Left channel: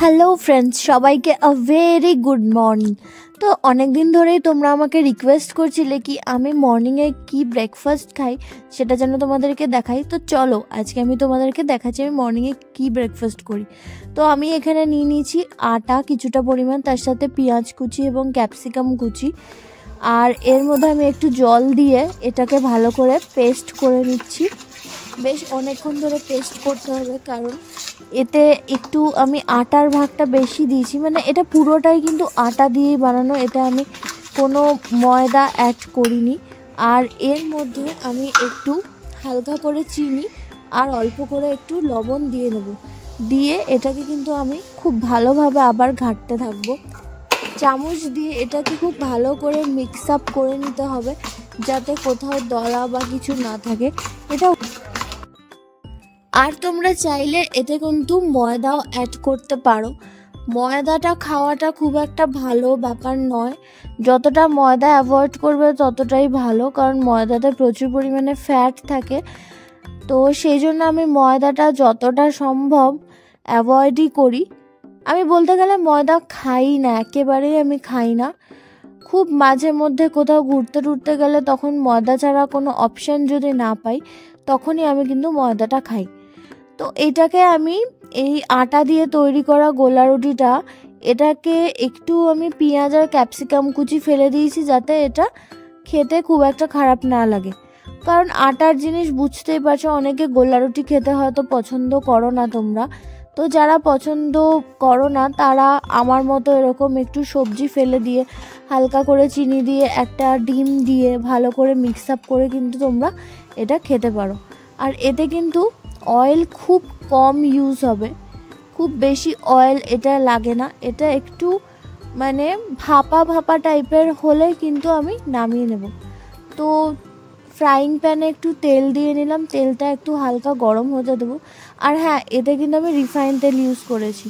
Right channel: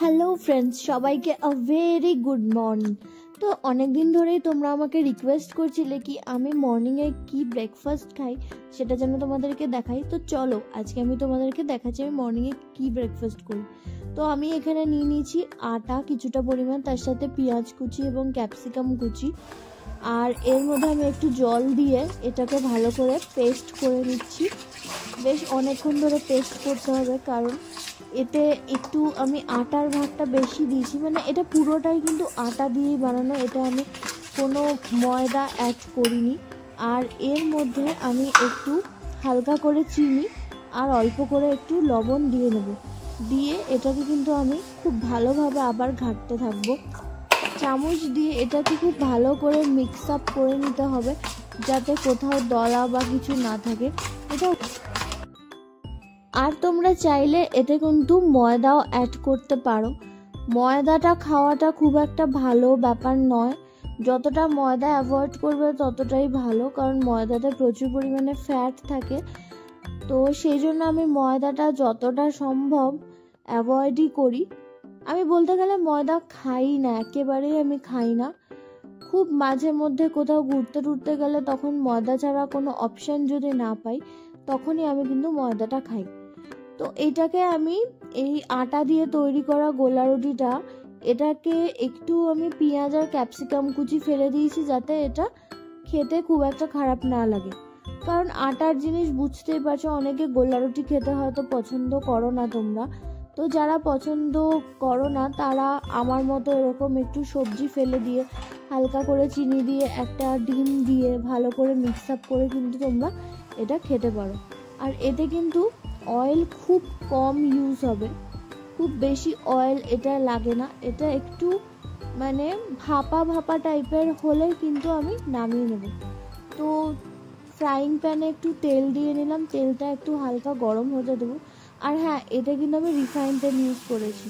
Hello friends, সবাইকে a very good morning. তো অনেক দিন ধরেই তোমরা আমাকে রিকোয়েস্ট করছিলে কি আমি মর্নিংয়ে কি ব্রেকফাস্ট খাই সেটা যেন তোমাদেরকে দেখাই। তো চলো আজকে আমি তোমাদেরকে দেখাচ্ছি আমি মর্নিংয়ে কি ব্রেকফাস্ট করি। তো আমি এখানে নিয়ে নিয়েছি আটা কিছুটা পরিমাণ, তার সাথে পেঁয়াজ কুচি এবং ক্যাপসিকাম কুচি, আর এর মধ্যে আমি একটু জল দিয়ে এটাকে ভালো করে পেস্ট করে নিচ্ছি। বেশ অনেকক্ষণ ধরে পেস্ট করতে হবে, কারণ এতে একটু আমি আটার ভাগটা বেশি দিয়েছি, মানে এটা পুরোটাই কিন্তু আটা দিয়েই বানানো, এটা আমি কোনো ময়দা অ্যাড করিনি। আর এর মধ্যে আমি একটু হালকা করে চিনি আর অল্প করে একটু লবণ দিয়ে নেব, দিয়ে এটাকে কিন্তু আমি খুব ভালোভাবে আবার ঘাঁটতে থাকবো। চামচ দিয়ে এটাকে খুব ভালো করে মিক্স আপ করে নিতে হবে যাতে কোথাও দলা বা কিছু না থাকে। এটা আর তোমরা চাইলে এতে কিন্তু ময়দাও অ্যাড করতে পারো। ময়দাটা খাওয়াটা খুব একটা ভালো ব্যাপার নয়, যতটা ময়দা অ্যাভয়েড করবে ততটাই ভালো, কারণ ময়দাতে প্রচুর পরিমাণে ফ্যাট থাকে। তো সেই জন্য আমি ময়দাটা যতটা সম্ভব অ্যাভয়েডই করি। আমি বলতে গেলে ময়দা খাই না, একেবারেই আমি খাই না। খুব মাঝে মধ্যে কোথাও ঘুরতে টুরতে গেলে তখন ময়দা ছাড়া কোনো অপশান যদি না পাই তখনই আমি কিন্তু ময়দাটা খাই। তো এটাকে আমি এই আটা দিয়ে তৈরি করা গোলা রুটিটা, এটাকে একটু আমি পেঁয়াজ আর ক্যাপসিকাম কুচি ফেলে দিয়েছি যাতে এটা খেতে খুব একটা খারাপ না লাগে, কারণ আটার জিনিস বুঝতেই পারছো অনেকে গোলা রুটি খেতে হয়তো পছন্দ করো না তোমরা। তো যারা পছন্দ করো না তারা আমার মতো এরকম একটু সবজি ফেলে দিয়ে হালকা করে চিনি দিয়ে একটা ডিম দিয়ে ভালো করে মিক্স আপ করে কিন্তু তোমরা এটা খেতে পারো। আর এতে কিন্তু অয়েল খুব কম ইউজ হবে, খুব বেশি অয়েল এটা লাগে না, এটা একটু মানে ভাপা ভাপা টাইপের হলে কিন্তু আমি নামিয়ে নেব। তো ফ্রাইং প্যানে একটু তেল দিয়ে নিলাম, তেলটা একটু হালকা গরম হতে দেবো। আর হ্যাঁ, এতে কিন্তু আমি রিফাইন তেল ইউজ করেছি।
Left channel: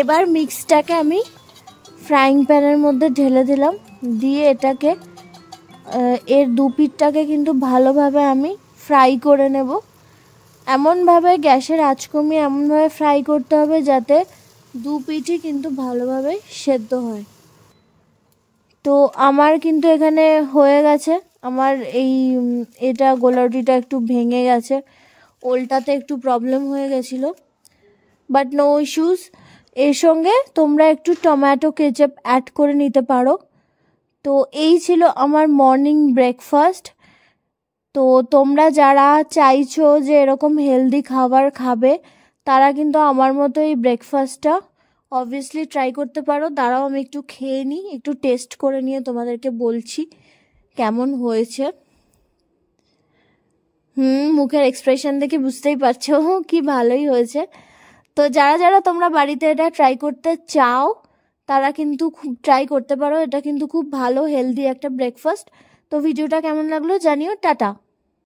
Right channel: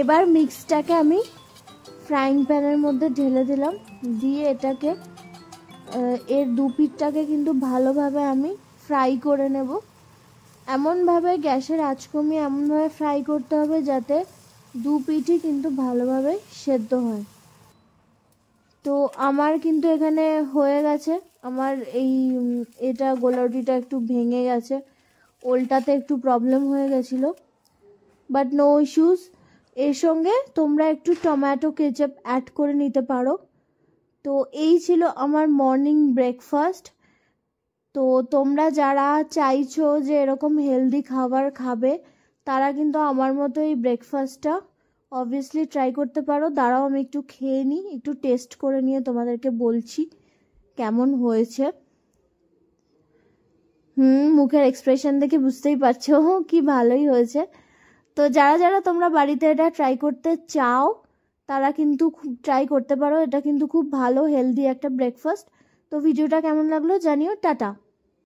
এবার মিক্সটাকে আমি ফ্রাইং প্যানের মধ্যে ঢেলে দিলাম, দিয়ে এটাকে এর দু পিঠটাকে কিন্তু ভালোভাবে আমি ফ্রাই করে নেব। এমনভাবে গ্যাসের আঁচ কমিয়ে এমনভাবে ফ্রাই করতে হবে যাতে দু পিঠই কিন্তু ভালোভাবে সেদ্ধ হয়। তো আমার কিন্তু এখানে হয়ে গেছে, আমার এটা গোলা রুটিটা একটু ভেঙে গেছে, ওলটাতে একটু প্রবলেম হয়ে গেছিলো, বাট নো ইস্যুস। এর সঙ্গে তোমরা একটু টমেটো কেচাপ অ্যাড করে নিতে পারো। তো এই ছিল আমার মর্নিং ব্রেকফাস্ট। তো তোমরা যারা চাইছো যে এরকম হেলদি খাবার খাবে তারা কিন্তু আমার মতো এই ব্রেকফাস্টটা অবভিয়াসলি ট্রাই করতে পারো। দাঁড়াও আমি একটু খেয়ে নিই, একটু টেস্ট করে নিয়ে তোমাদেরকে বলছি কেমন হয়েছে। মুখের এক্সপ্রেশন দেখে বুঝতেই পারছো কি ভালোই হয়েছে। তো যারা যারা তোমরা বাড়িতে এটা ট্রাই করতে চাও তারা কিন্তু খুব ট্রাই করতে পারো, এটা কিন্তু খুব ভালো হেলদি একটা ব্রেকফাস্ট। তো ভিডিওটা কেমন লাগলো জানিও। টাটা।